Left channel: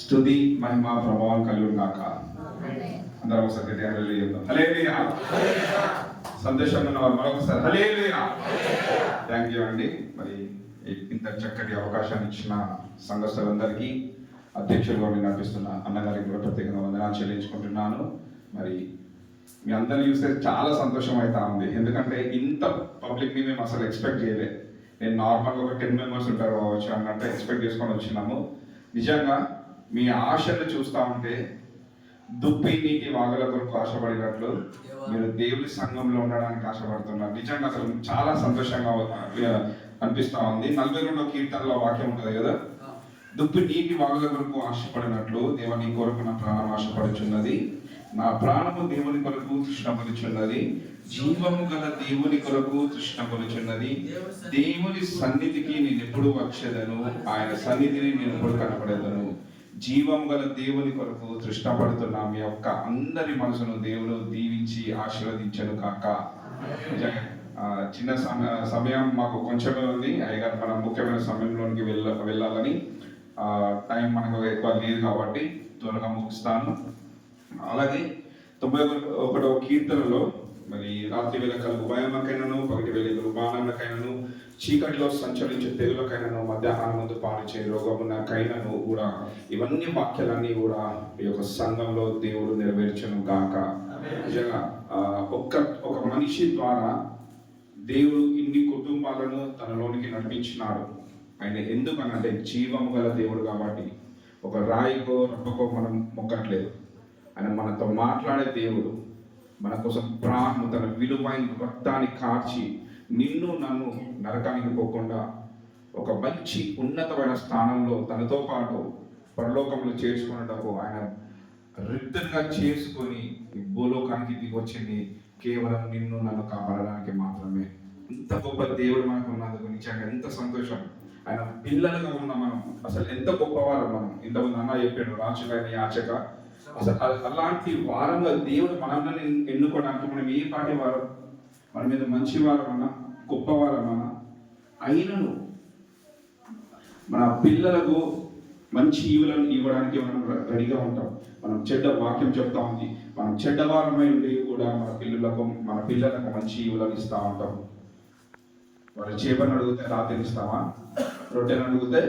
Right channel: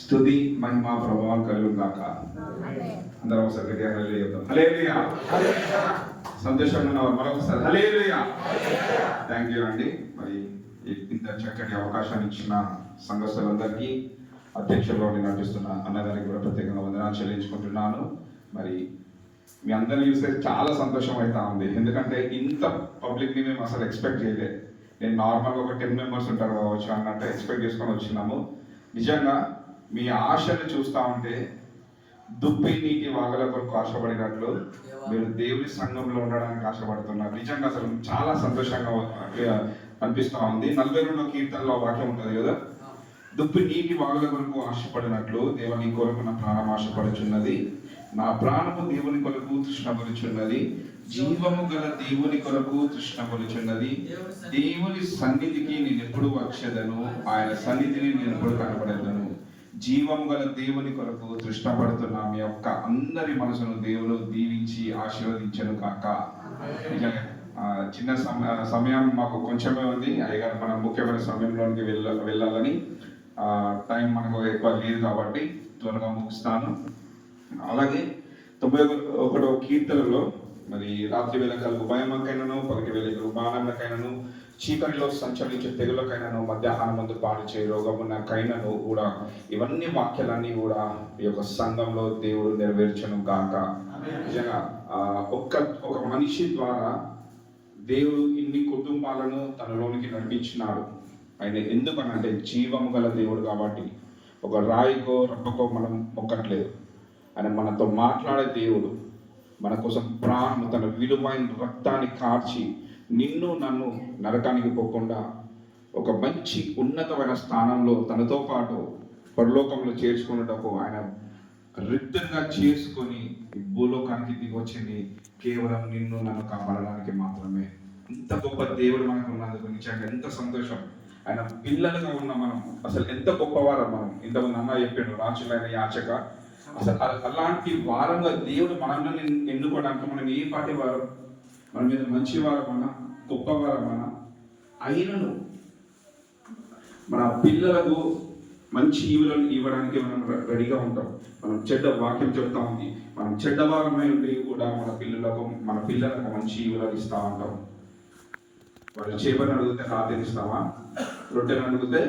స్తుతి మహిమ ప్రభావం కలుగు కాక. అందరం ఒకసారి గట్టిగా హల్లెలూయా చెప్దాం. హల్లెలూయా. సందేశంగా ఉన్న వారు మరొకసారి హల్లెలూయా. థ్యాంక్ యూ అండి. మరి ఇంత చక్కటి అవకాశాన్ని ఇచ్చిన సంఘస్థులందరికీ, అధ్యక్షుడు నడిపిస్తున్న అన్నగారికి కూడా ప్రత్యేకంగా వందనాలు చెల్లించుకుంటున్నాను. మరి మీ అందరిని చూస్తే చాలా సంతోషం అవుతా ఉంది. ఎందుకంటే ఇంత పబ్లిక్ని మేము అసలు ఎక్స్పెక్ట్ చేయలేదు. నేను నార్మల్గా ఒక 10 మెంబర్స్ ఉంటారు కావచ్చు అన్నట్టు ఎక్స్పెక్ట్ చేసుకొని వచ్చినాము. నిజంగా మీ ఆశను చూస్తూ ఉంటే దుప్పి నీటి వాగల కొరకు ఆశపడినట్లు మీరు దేవుడి సంఘంలో ఉండడానికి ఆశపడుతున్నారు. నిజంగా అసలు చాలా సంతోషంగా అనిపిస్తూ ఉంది. 42వ కీర్తనలో వాక్యం ఉంటుంది కదా, దుప్పి నీటి వాగుల కొరకు ఆశపడినట్లు దేవుని కొరకు నా ప్రాణం ఆశపడుచున్నది, నా ప్రాణము దేవుని కొరకు తృష్ణపడుచున్నది, జీవము గల దేవుని కొరకు తృష్ణపడుచున్నది. దేవుని సన్నిధికి నేను ఎప్పుడు వచ్చేదను, ఆయన సన్నిధిని నేను ఎప్పుడు కనపడేదను. జీవము గల దేవుని కొరకు తృష్ణపడుతున్న మీ యొక్క అందరి మనసును దేవుడు దీవించి ఆశీర్వదించను కాక. చిన్న సమయం మాకు కొంచెమే ఉంది అయ్యగారు, మనం ముఖ్యమైన సమయంలోనికి వెళ్ళాలని టైం మనకు ఎక్కువ లేదు కాబట్టి త్వరగా ముగిస్తాను. అలాగే 91వ కీర్తనలో మరి రాత్రి వేళ కలుగు భయమకైనను, పగటి వేళ బాణములకైనను, చీకటిలో సంచరించే తెగులకైనను, మధ్యాహ్నం ముందు పాడిచే రోగమునకైనను కూడా ఇవన్నీ వాక్యాలన్నీ కూడా ఈ యొక్క సంఘంలో దేవుడు నెరవేర్చను గాక. నిజంగా ఒక మనిషి ద్వారా దేవుడు ఇన్ని కుటుంబాలను తనలోనికి నడిపించినాడు. ఆయన ఎందుకనంటే జీవం గల దేవుడు కాబట్టి. ఒక రాయికో రప్పకో మనం మొక్కట్లేదు. ఆయన మనతో మాట్లాడే దేవుడు, మన కోసం ప్రాణం తన విలువైన రక్తాన్ని కార్చి నిన్ను నన్ను నరకానికి పోకుండా ఒక మంచి ఉన్నతమైన స్థానంలో తనతో పాటు పరలోకంలో చేర్చుకున్నటకు ఆయన రిటర్న్గా చేసుకొని ఈ భూలోకానికి దిగొచ్చింది కేవలం నిన్ను నన్ను కాపాడడానికి మాత్రమే. ఇంత గొప్ప దేవుడు మనకు ఉన్నందుకు నిజంగా ఎంత సంతోషం. ఆయన పిల్లలుగా ఉన్న మనం అసలు ఎంత గొప్పవారం. మనం ఇంతకు అన్న చెప్పాడు వాచకైన యాచక, అసలు అలాంటి వారంగా దేవుడు మనల్ని ఎన్నుకోవడానికి మనం ఏ పాటి వారం, మన మీద మంచి వారమన్నా గొప్పవారమన్నా అయినను మన పిల్లలకు మంచి ఈవులను ఇవ్వడానికి మనం రెడీగా ఉంటాం. మనం చెడ్డ వాక్యం చెప్తా ఉంది, మనం చెడ్డవారమై ఉండి కూడా మన పిల్లలకు మంచి ఈవులను ఇస్తూ ఉంటాం. వాళ్ళు చేపలను అడిగితే రాత్రి ఇస్తామా, రొట్టెలను అడిగితే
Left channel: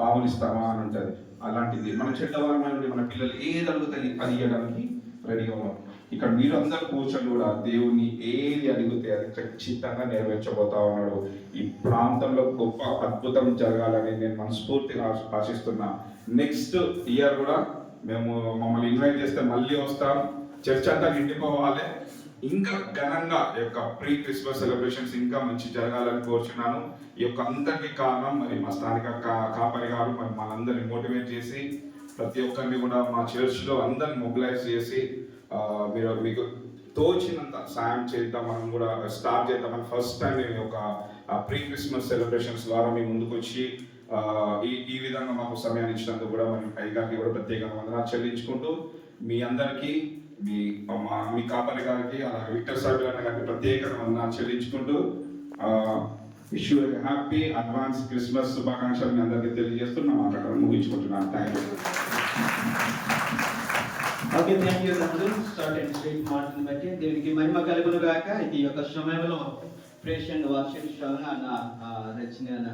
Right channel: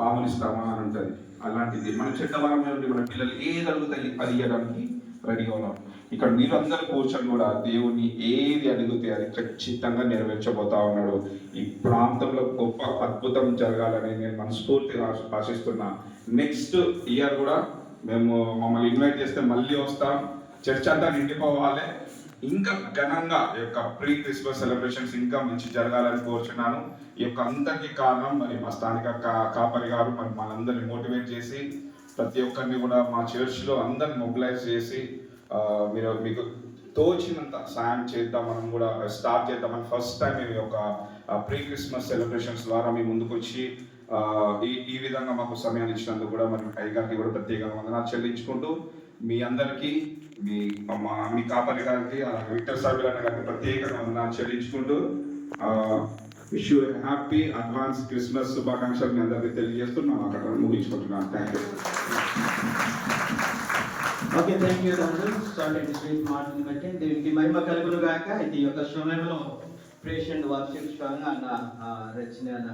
పాములు ఇస్తామా అని అంటది. అలాంటిది మన చెడ్డవారమై ఉండి మన పిల్లలు ఏది అడిగితే అది ఇవ్వడానికి రెడీగా ఉన్నాం. ఇక్కడ మీరందరూ కూర్చొని కూడా దేవుని ఏది అడిగితే అది ఖచ్చితంగా నెరవేర్చబోతా ఉన్నాడు. ఈ ప్రాంతంలో గొప్ప అద్భుతం జరగాలని నేను మనస్ఫూర్తిగా ఆశిస్తున్నా. నెక్స్ట్ ఇయర్ కూడా మేము మమ్మల్ని ఇన్వైట్ చేస్తే మళ్ళీ వస్తాం. చర్చ్ అంతా నిండిపోవాలి. ఇంకా ఘనంగా ఈ యొక్క ప్రీ క్రిస్మస్ సెలబ్రేషన్స్ ఇంకా మంచి జరగాలని కోరుచున్నాను. ఈ యొక్క అందరికీ కారణం మరి మా స్థానిక కాపరి గారు మరి మనందరినీ మోటివేట్ చేసి ప్రతి ఒక్కరిని కూడా మా చర్చ్లో అందరిని మొబిలైజ్ చేసి మీరు మీకు తోచినంత సాయం చేద్దాం, మనం కూడా స్టార్ట్ చేద్దామని ఫస్ట్ టైం ఈ యొక్క ప్రీ క్రిస్మస్ సెలబ్రేషన్స్ ద్వారా మీ ముందుకు వచ్చి ఈ విధంగా మాకు సమయాన్ని ఇచ్చినందుకు కూడా మరి అయ్యగారికి కూడా ప్రత్యేకంగా వందనాలు చెల్లించుకుంటూ మీ అందరికీ మీ కాపరి గారికి అలాగే విక్టర్ సార్ గారికి ప్రత్యేకంగా వందనాలు చెల్లించుకుంటూ wish you happy advance Christmas శుభాకాంక్షలు మీ అందరికీ తెలియజేస్తూ నా మాట్లాడడం ముగించుకుంటున్నాను. Thank you. Okay, thank you తండ్రి. స్టార్ట్ అండ్ స్ట్రైట్ మాటను బట్టి దీనికి మహిమ కలుగును గాక. ఈ యొక్క సమయంలో ప్రేషెంట్ వార్షిక రచన